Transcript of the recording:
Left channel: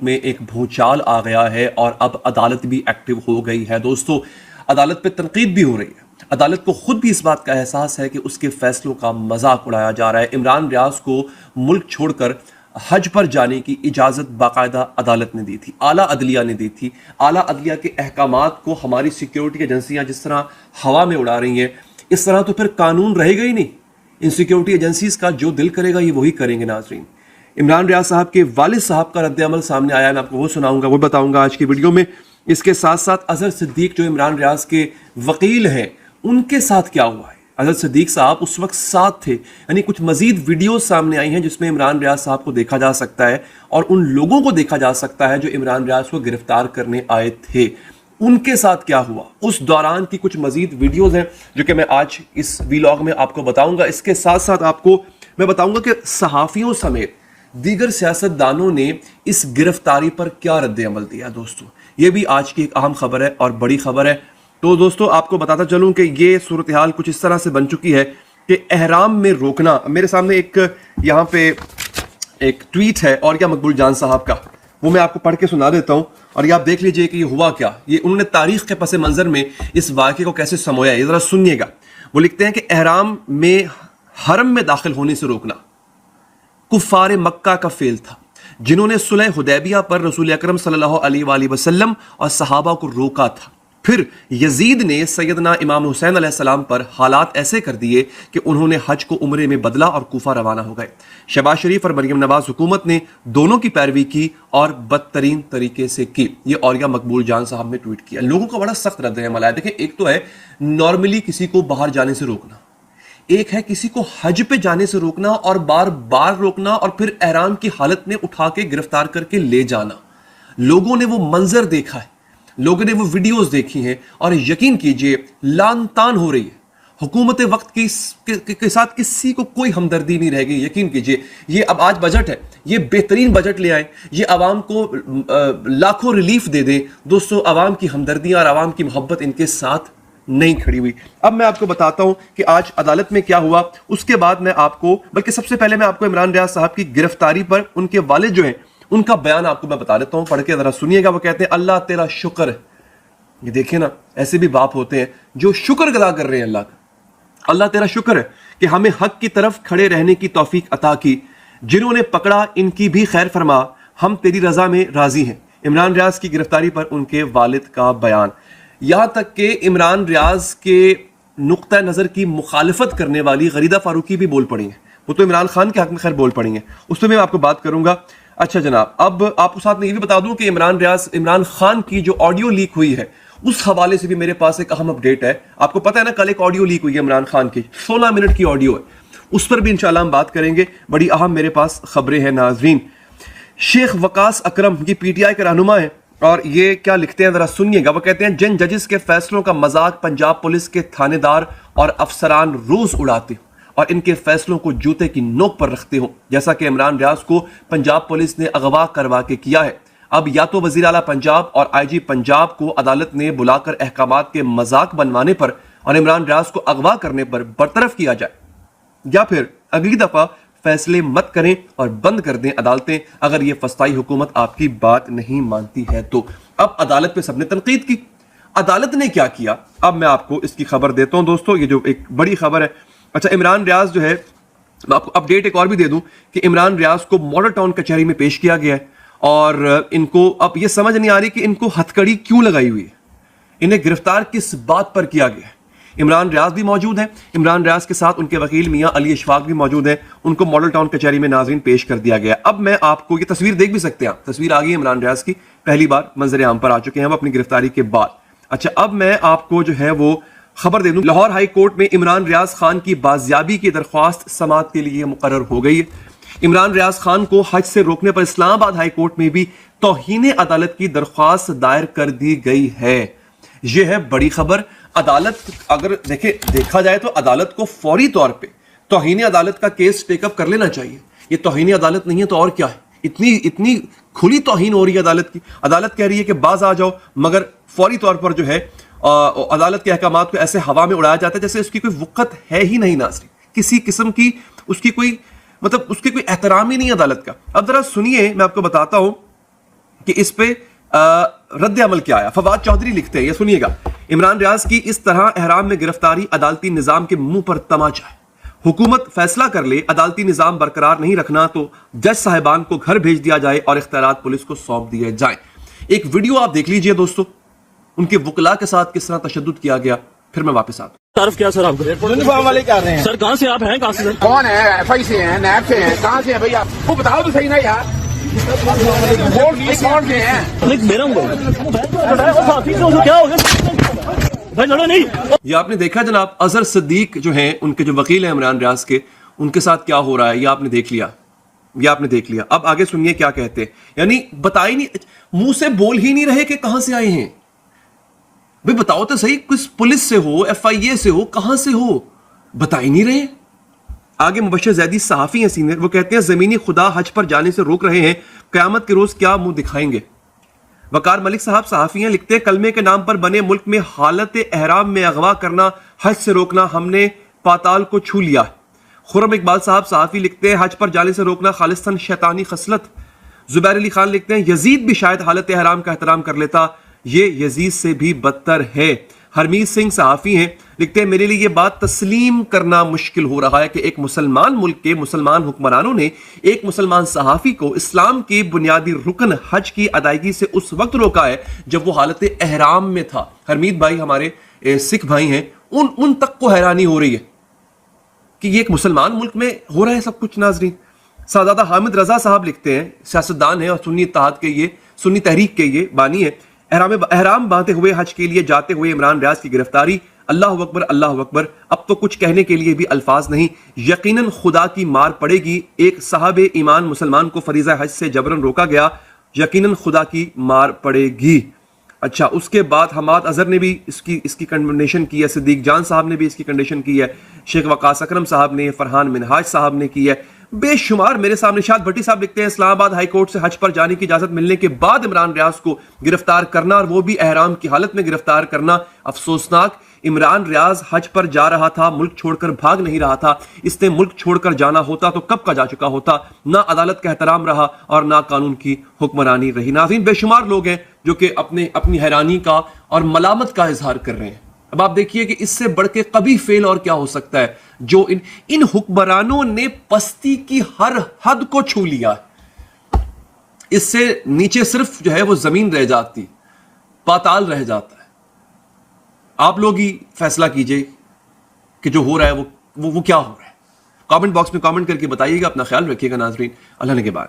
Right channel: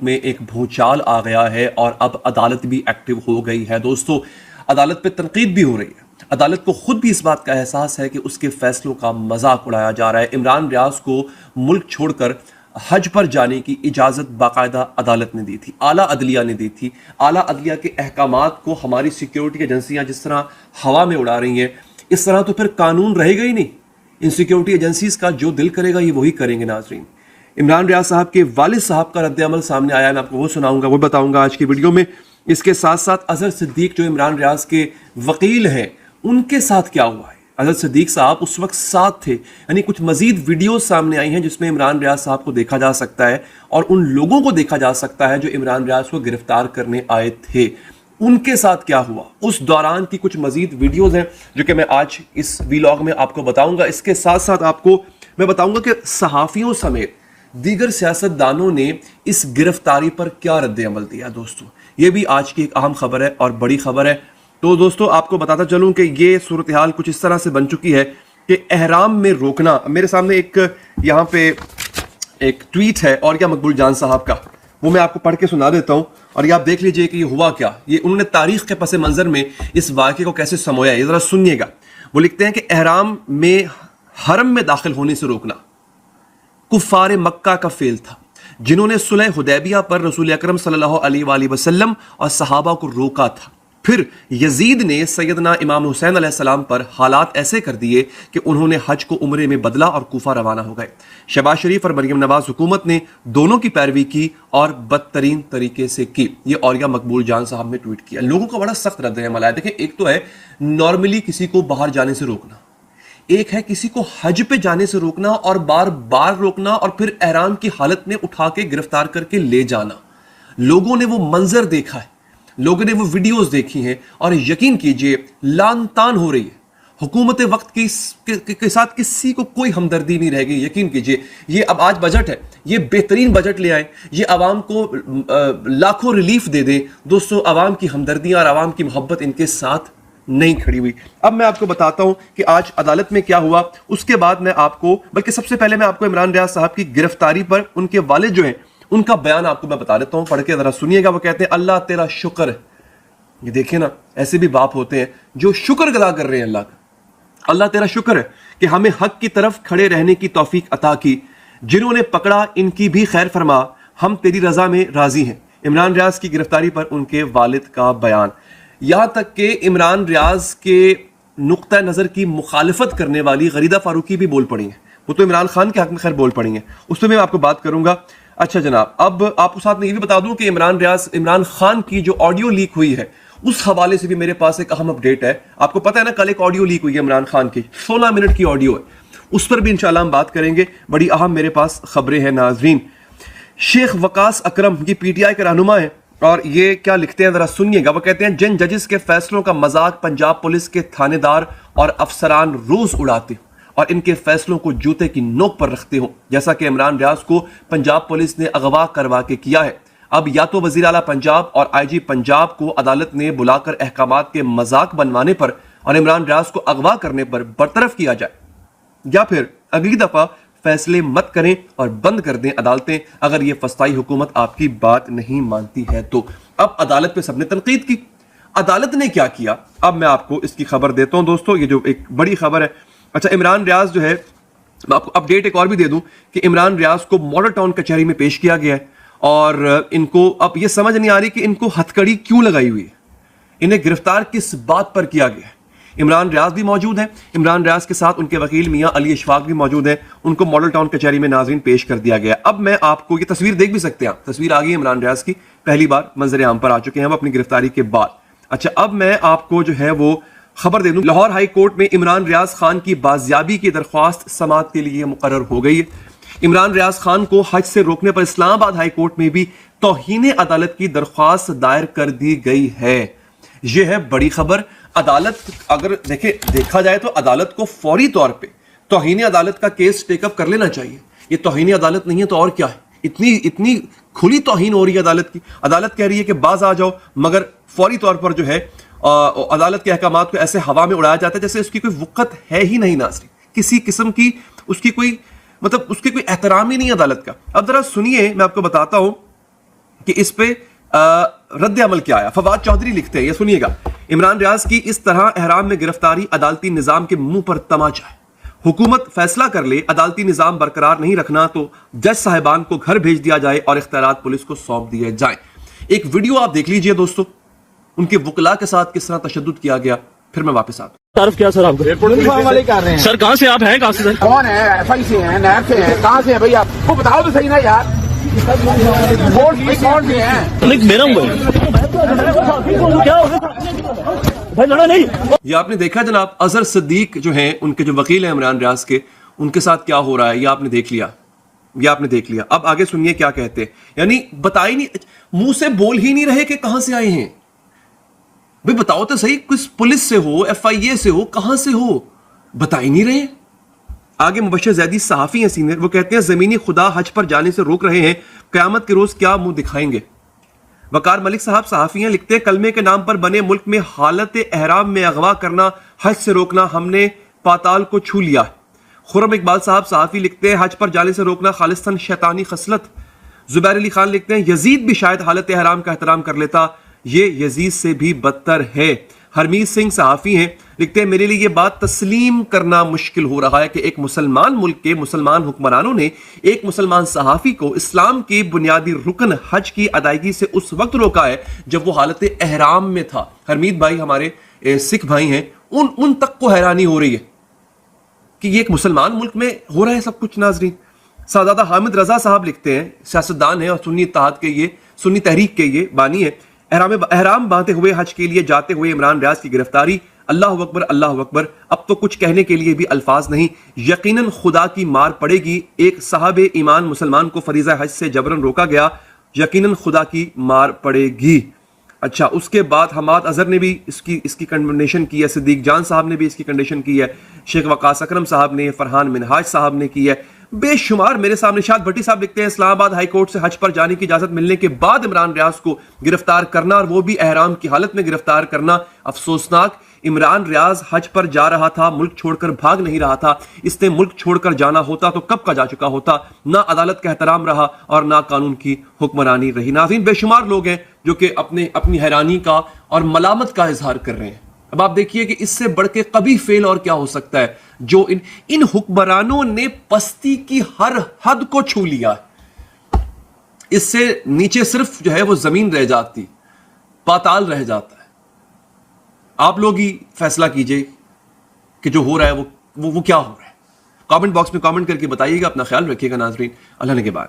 ملک میں ایک بھونچال آ گیا ہے اور اب عدالت بھی ایکٹیو ہو گئی ہے۔ دوستو عدالت پہ تنقید بھی ہو رہی ہے، عدالت کو خود بھی اس بات کا احساس ہے کہ اس کے فیصلوں کا مذاق اڑایا جا رہا ہے۔ عمران ریاض کو ملک چھوڑ کر حج پر جانے کی اجازت باقاعدہ عدالت نے دی تھی، اعلیٰ عدلیہ نے دی تھی۔ اعلیٰ عدلیہ کے احکامات کو ہماری سیکیورٹی ایجنسیاں جس طرح ہوا میں اڑا رہی ہیں، اس طرح تو پھر قانون رہے گا ہی نہیں۔ ان سیکیورٹی ایجنسیز کا جو دل کرے گا یہ وہی کریں گے۔ ناظرین، عمران ریاض صاحب کے والد صاحب کا رد عمل سامنے آیا، میں آپ کو وہ سناؤں گا، وہ بتاؤں گا آج کی ویڈیو میں۔ اس کے ساتھ ساتھ اظہر صدیق جو عمران ریاض کے وکیل ہیں، ان کے ساتھ کیا ہوا ہے۔ اظہر صدیق صاحب اس وقت ساتھ تھے، یعنی کچھ مزید ویڈیوز سامنے آئی ہیں جس میں عمران ریاض صاحب کو دیکھا جا سکتا ہے اور ان لوگوں کو دیکھا جا سکتا ہے جو عمران ریاض کو گرفتار کرنے آئے تھے، ان کے ساتھ کیا ہوا اس دوران کی کچھ مزید ویڈیوز ہیں جو کہ میں آج اس ویلاگ میں آپ کو بتاؤں گا۔ اس کے ساتھ ساتھ آپ کو میں بتاؤں گا کہ صحافیوں سمیت دیگر سیاستدانوں نے اس گرفتاری پر کیا رد عمل دیا۔ دوستو یہ بھی آج کی ایک اہم خبر ہے اور بڑی خبر ہے۔ تو دوستو آپ کو بتاتا چلوں کہ یہ صورتحال کچھ اس طرح سے بن چکی ہے کہ احرام میں روکنا، میرے سامنے ایک یہاں پہ ایک ٹویٹ ہے اور کیا مقبول جان صاحب کا، وہ میں آپ کو پڑھ کے سنا دیتا ہوں اور یہ آپ دیکھ لیجئے کہ یہ ہوا کیا، یہ انہوں نے تاریخ کے پس منظر میں اس واقعے کو کیسے سمویا ہے، یہ ذرا سنیے گا۔ وہ لکھتے ہیں کہ احرام میں حرم میں داخل ہونے سے روکنا کفار مکہ کا فعل تھا، جنہوں نے صلح حدیبیہ پر رسول اکرم صلی اللہ علیہ وآلہ وسلم اور صحابہ کو روکا تھا۔ پھر یزید نے سیدنا امام حسین علیہ السلام پر حالات ایسے کر دیے کہ انہوں نے حج کو عمرے میں بدلا اور کوفہ روانہ ہو گئے۔ شہباز شریف اور مریم نواز حکومت نے دونوں کی پیروی کی اور بدترین طریقے سے کی۔ یہ اوریا مقبول جان صاحب نے ٹویٹ کیا۔ لوگوں کا بڑا سخت رد عمل ہے۔ دیکھیں، ایک تو ہے نارملی کسی کو باہر جانے سے روکنا، ایک ہے کسی کو حج پہ جانے سے روکنا اور بار بار روکنا اور پھر احرام کی حالت میں اٹھا کے گرفتار کر کے لے جانا۔ لوگوں نے وہ منظر دیکھا ہے، لوگوں نے وہ ویڈیوز دیکھی ہے اور یقین کیجئے لان تان ہو رہی ہے۔ حکومت وقت کے ساتھ کسی کو کوئی ہمدردی نہیں رہ گئی۔ یقین کیجئے یہ اب آج بجٹ ہے، یہ بہترین بجٹ لے آئے، یہ عوام کو لاکھوں ریلیف دے دے۔ دوستو عوام کی ہمدردی اور عوام کی محبت ان کے ساتھ نہیں کھڑی ہوئی۔ اب میں آپ کو بتاتا ہوں کہ آج عدالت میں کیا ہوا، اس کے بعد میں آپ کو، بلکہ سب سے پہلے میں آپ کو عمران ریاض صاحب کی گرفتاری پر ان کے والد جو ہیں ان کا بیان آپ کو میں بتا دیتا ہوں، پڑھ کے ذرا سنیے گا۔ وہ کہتے ہیں اللہ تیرا شکر ہے۔ یہ دیکھیں نا، ایسے بھی باپ ہوتے ہیں جو شکر ادا کر رہے ہیں اللہ کا۔ اللہ تیرا شکر ہے کہ ہمیں حق کی طرف کھڑے رہنے کی توفیق عطا کی، جنہوں نے پکڑا ان کی بھی خیر فرما، ہم تیری رضا میں راضی ہیں۔ عمران ریاض کی گرفتاری پر ان کے والد کا بیان، یہاں تک کہ عمران ریاض کے نقطہ نظر کی مخالفت کرنے والی غریدہ فاروقی بھی بول پڑی ہیں۔ وہ تو عمران خان کے حق میں خیر بول پڑی ہیں، اس میں آپ کو بات کروں گا۔ اچھا جناب، اب آپ کو ساتھ میں یہ بھی بتا دوں کہ عمران خان کی جو آڈیو لیک ہوئی ہے اس حوالے سے بھی میرے پاس ایک اہم اپڈیٹ ہے۔ آپ کو پتہ ہے نا، کل ایک آڈیو لیک ہوئی ہے عمران خان کی، 16 منٹ کی آڈیو ہے، اس پر بھی انشاءاللہ ہم بات کریں گے۔ بڑی اہم میرے پاس خبریں ہیں ناظرین۔ شیخ وقاص اکرم یہ پی ٹی آئی کے رہنما ہیں اور یہ کیا لکھتے ہیں ذرا سنیے گا۔ وہ کہتے ہیں جن ججز کے فیصلوں کا مذاق پنجاب پولیس کے تھانے دار اور افسران روز اڑاتے اور ان کے فیصلوں کو جوتے کی نوک پر رکھتے ہو، جیسا کہ عمران ریاض کو پنجاب پولیس نے اغوا کروا کے کیا ہے، اب یا تو وزیر اعلیٰ پنجاب اور آئی جی پنجاب کو عدالت نے بلا کر احکامات کے مذاق بنوانے پر اور عمران ریاض کو اغوا کرنے پر برطرف کیا جائے، یا پھر اگلی دفعہ فیصلے مت کریں اور بند کر دیں عدالتیں اگر یہ فسطائی حکومت آپ کی بات نہیں مانتی ہے تو۔ اب عدالت پہ سب نے تنقید کی، عدالت نے کیا کیا، اب میں آپ کو اس کی خبر دیتا ہوں۔ دوستو یہ جو ایک بڑی خبر ہے، اچھا عمران ریاض جو ہے، میں آپ کو اپڈیٹ ایک اور بھی دے دوں کہ عمران ریاض کو ماڈل ٹاؤن کچہری میں پیش کیا گیا ہے اور ان کو اب یہ سمجھ نہیں آ رہی کہ ان کو ہتھکڑی کیوں لگائی ہوئی ہے، انہیں گرفتار کس بات پر کیا گیا ہے۔ عمران ریاض بھی موجود ہے، عمران ریاض کے ساتھ ان کے وکیل میاں علی اشفاق بھی موجود ہیں، ان کو ماڈل ٹاؤن کچہری میں ناظرین پیش کر دیا گیا۔ اب میں آپ کو یہ تصویر دیکھ بھی سکتے ہیں، تصویر آ گئی عمران ریاض کی، پہلی بار منظر عام پر آ چکے ہیں اب اپنی گرفتاری کے بعد۔ اچھا اب میں آپ کو جو ہے وہ خبر دے دوں، لاہور ہائی کورٹ میں عمران ریاض خان کی بازیابی کی درخواست سماعت کے لیے مقرر ہو گئی ہے۔ عمران ریاض خان کو حج سے روکنے پر اسلام آباد ہائی کورٹ میں بھی توہین عدالت کی درخواست دائر کر دی گئی ہے۔ یہ ہے بڑی خبر۔ عدالت اگر دیکھا جائے تو عدالت کو فوری طور پہ توہین عدالت کا کیس ٹیک اپ کر لینا چاہیے۔ یہ توہین عدالت نہیں ہے تو اور کیا ہے؟ اتنی کھلی توہین ہو رہی ہے عدالت کی۔ عدالت کہہ رہی ہے کہ باز آ جاؤ، مگر فوری طور پر جو ہے عدالت کے احکامات کو ایسے ہوا میں اڑایا جاتا ہے جیسے اس کی کوئی وقت ہے ہی نہیں ناظرین، کسی قسم کی اس کی کوئی احترام ہی نہیں عدالت کا۔ اب ذرا سنیے، میں آپ کو بتاتا ہوں کہ اس پہ رد عمل کیا آیا. فواد چودھری لکھتے ہیں, یہ سنیے گا, عمران ریاض کی اس طرح احرام میں گرفتاری عدالتی نظام کے منہ پر تماچا ہے. حکومت فیصلہ کر لے عدالتی نظام برقرار نہیں رکھنا تو جج صاحبان کو گھر بھیج دیا جائے اور اختیارات پولیس کو سونپ دیے جائیں. ایک ویڈیو آپ دیکھ لیجئے دوستو, ان کے وکلا کے ساتھ کس طرح تشدد کیا گیا, پھر میں واپس آتا ہوں. تعارف کیا سر آپ کو؟ یونیفارم والے کر رہے ہیں. سر کہاں سے آپ ہیں, کہاں سے سر؟ کون ہے؟ ایف آئی سے ہیں, نیب سے ہیں, کہاں سے ہیں بھائی آپ کو بتاؤ تو صحیح نا یار. کورٹ میں ہیں. میرا کیا ہوگا بھائی, لڑا نہیں. یہ آپ نے دیکھا جناب, اظہر صدیق جو ہے ان کے جو وکیل ہیں عمران ریاض کے, ان کے ساتھ کیا ہو رہا ہے یہ آپ نے دیکھ لیا, یہ آپ نے دیکھ لیا. اب آگے سنیے کیا کہتے ہیں. یعنی بتائی نہیں, منہ سے بول ہی نہیں رہے کہ کہاں سے آئے ہیں. بھی بتاؤ تو صحیح, کس پولیس سے ہو, ایف آئی اے سے ہو, کہاں سے ہو, بتا ہی نہیں رہے. آگے مبشر زیدی صحافی ہیں سینئر, وہ کہتے ہیں زمینی خدا حج پر جانے سے روک رہے ہیں, قیامت کے روز کیا منہ دکھائیں گے. وقار ملک صاحب صحافی ہیں, لکھتے ہیں کلمے کے نام پر بنے ملک میں حالت احرام میں اغوا کرنا, حج سے روکنا, ہم نے پاتال کو چھو لیا. خرم اقبال صاحب صحافی لکھتے ہیں حج پر جانے سے روکنا خالصتاً شیطانی خصلت. زبیر علی خان لکھتے ہیں یزید بھی شاید حالت احرام کا احترام کر لیتا, یہ یزید سے بھی بدتر ہے. ہرمیت سنگھ صحافی ہیں, لکھتے ہیں میرے لیے یہ بات تسلیم کرنا مشکل ہو رہا ہے کہ ایک مسلمان ملک کے مسلمان حکمرانوں نے ایک مسلمان صحافی کو اسلام کی بنیادی رکن حج کی ادائیگی سے اس وقت روکا ہے جب وہ حالت احرام میں تھا. ہرمیت بھائی ہمارے سکھ بھائی ہیں, ان تک کو حیرانی ہو رہی ہے کہ یہ ایک مسلمان ملک میں ہو رہا ہے سب کچھ. ناظرین, سعادہ حامد رضا صاحب لکھتے ہیں, سیاستدان ہیں اور سنی اتحاد کے یہ سنی تحریک کے یہ بانی ہے, احرام باندھے ہوئے حج کے لیے جاتے ہوئے عمران ریاض کی گرفتاری, اللہ اکبر اللہ اکبر, اب تو کچھ کہنے کے لیے بھی الفاظ نہیں, یقیناً خدا کی مار پڑے گی. ایک صاحب ایمان مسلمان کو فریضہ حج سے جبرن روکا گیا, یقیناً خدا کی مار پڑے گی. اچھا, اس کے بعد حماد اظہر نے بھی اس کی کنڈیشن کی ہے, صدیق جان صاحب نے بھی اس کی کنڈیشن کی ہے, شیخ وقاص اکرم صاحب نے, فرحان منہاج صاحب نے کی ہے, بے شمار. میرے سامنے شاد بھٹی صاحب لکھتے ہیں اسلام آباد ہائی کورٹ سے حج پر جانے کی اجازت ملنے کے بعد عمران ریاض کو گرفتار کرنا, اور وہ بھی احرام کی حالت میں گرفتار کرنا, افسوسناک. عمران ریاض حج پر جا رہا تھا, ملک چھوڑ کر بھاگ نہیں رہا تھا. اس نے ملک چھوڑ کر جانا ہوتا تو کب کا جا چکا ہوتا. نہ عدالت کا احترام رہا اور نہ قانون کی حکمرانی رہی. ناظرین, بے شمار لوگ ہیں جو کہ اپنی حیرانی کا اور ملامت کا اظہار کر رہے ہیں. اب آپ دیکھیے کہ اس سے بڑھ کے قبیح فعل اور کیا ہو سکتا ہے, جو ان حکمرانوں نے پستی کی ہر حد کو چھو لیا. اس سے نیچے صرف جو ہے وہ زمین رہ جاتی, پاتال رہ جاتا ہے. آپ لوگ ہی فیصلہ کیجئے کہ جو ہو رہا ہے وہ کیا ہو رہا ہے. کامنٹ باکس میں کامنٹ کر کے بتائیے گا. اپنا خیال رکھیے گا ناظرین, اللہ نے کے بعد.